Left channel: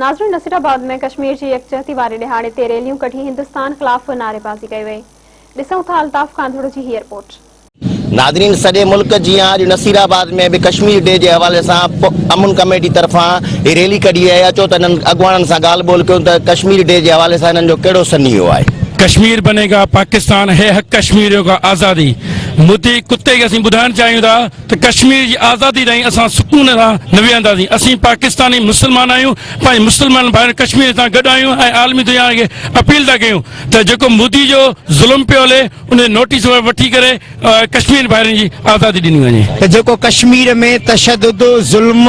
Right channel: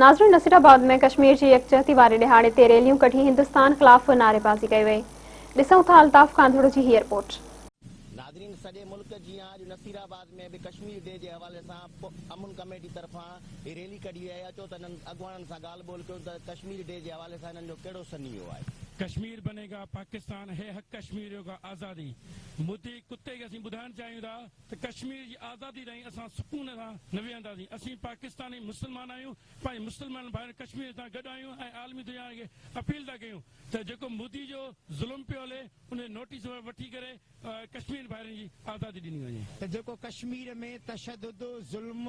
नाज़रीन, नसीराबाद में कश्मीर की यकजहती वारे दिहाड़े ते रैलियूं कढी हिंदुस्तान खिलाफ नारेबाज़ी कई वई। ॾिसूं था अल्ताफ कांधड़ जी ही रिपोर्ट। नाज़रीन, सॼे मुल्क जी अॼु नसीराबाद में भी कश्मीर डे के हवाले से अमन कमेटी तरफा रैली कढी है। अचो त अगवाननि सां ॻाल्हि ॿोल कयूं त कश्मीर डे के हवाले से इन्हनि जो कहिड़ो सनीहो आहे। कश्मीर बनेगा पाकिस्तान है हक कश्मीरियों का आज़ादी। मोदी कुत्ते के असीं ॿुधाइण चाहियूं था त कश्मीर की आज़ादी ताईं असां सुकून सां न वेहंदासीं। असीं पाकिस्तानी मुसलमान आहियूं, पंहिंजे मुसलमान भाइर कश्मीर सां गॾु आहियूं ऐं आलमी दुनिया खे अपील था कयूं त जेको मोदी जो ज़ुल्म पियो हले उन नोटिस वठी करे कश्मीर भाइरनि जी आज़ादी ॾिनी वञे। त जेको कश्मीर में तशद्दुद, ज़ुल्म,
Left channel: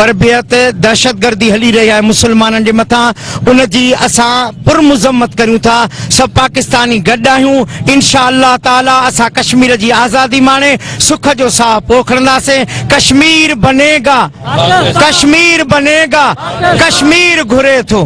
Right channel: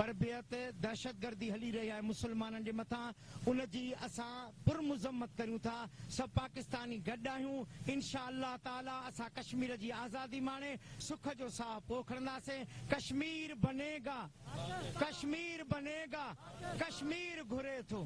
बर्बियत, दहशतगर्दी हली रही है मुसलमाननि जे मथां, उन जी असां पुरमुज़म्मत करूं था। सब पाकिस्तानी गॾु आहियूं। इंशाअल्लाह ताला असां कश्मीर जी आज़ादी माने सुख जो साह पोखंदासीं। कश्मीर बनेगा, कश्मीर बनेगा, कश्मीर घुरे थो।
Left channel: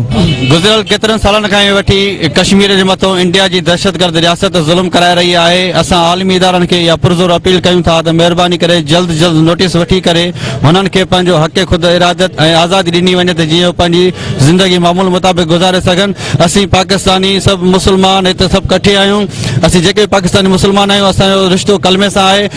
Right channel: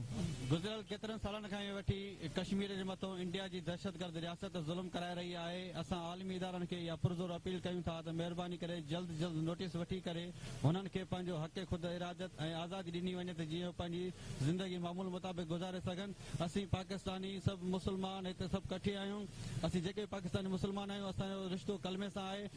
गुज़िरियल केतिरनि सालनि खां वठी कश्मीर जे मथां इंडिया जी दहशतगर्द रियासत ज़ुल्म कराए रही आहे। असां आलमी इदारनि खे इहा पुरज़ोर अपील कयूं था त महिरबानी करे जल्द जल्द नोटिस वठी करे हुननि खे पंहिंजो हक़ ख़ुद इरादत ऐं आज़ादी ॾिनी वञे त जीअं पंहिंजी ज़िंदगी मामूल मुताबिक़ गुज़ारे सघनि। असीं पाकिस्तानी सभु मुसलमान हिते सभु कठे आहियूं। असीं जेके पाकिस्तानी मुसलमान आहियूं, असांजो रिश्तो कलमे सां आहे।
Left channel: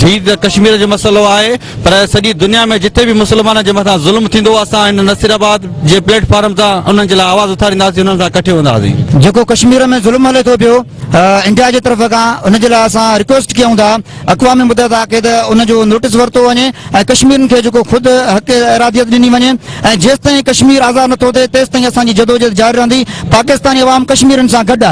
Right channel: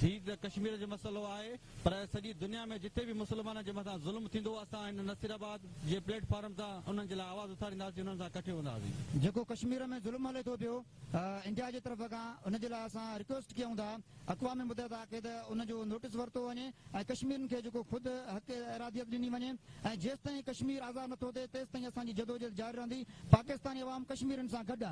ठीक त कश्मीर जो मसलो आहे, पर सॼी दुनिया में जिथे भी मुसलमान जे मथां ज़ुल्म थींदो असां इन नसीराबाद जे प्लेटफॉर्म तां उन्हनि जे लाइ आवाज़ उथारींदासीं, उन्हनि सां कठे हूंदासीं। जेको कश्मीर में ज़ुल्म हले थो पियो इंडिया जी तरफ़ खां, उन जे लाइ असां रिक्वेस्ट कयूं था अक़वाम मुतहदा खे त उन जो नोटिस वरितो वञे ऐं कश्मीरनि खे जेको ख़ुदि हक़ इरादियत ॾिनी वञे ऐं जेसिताईं कश्मीर आज़ादु नथो थिए तेसिताईं असांजी जदोजहद जारी रहंदी। पाकिस्तानी अवाम कश्मीरनि सां गॾु आहे।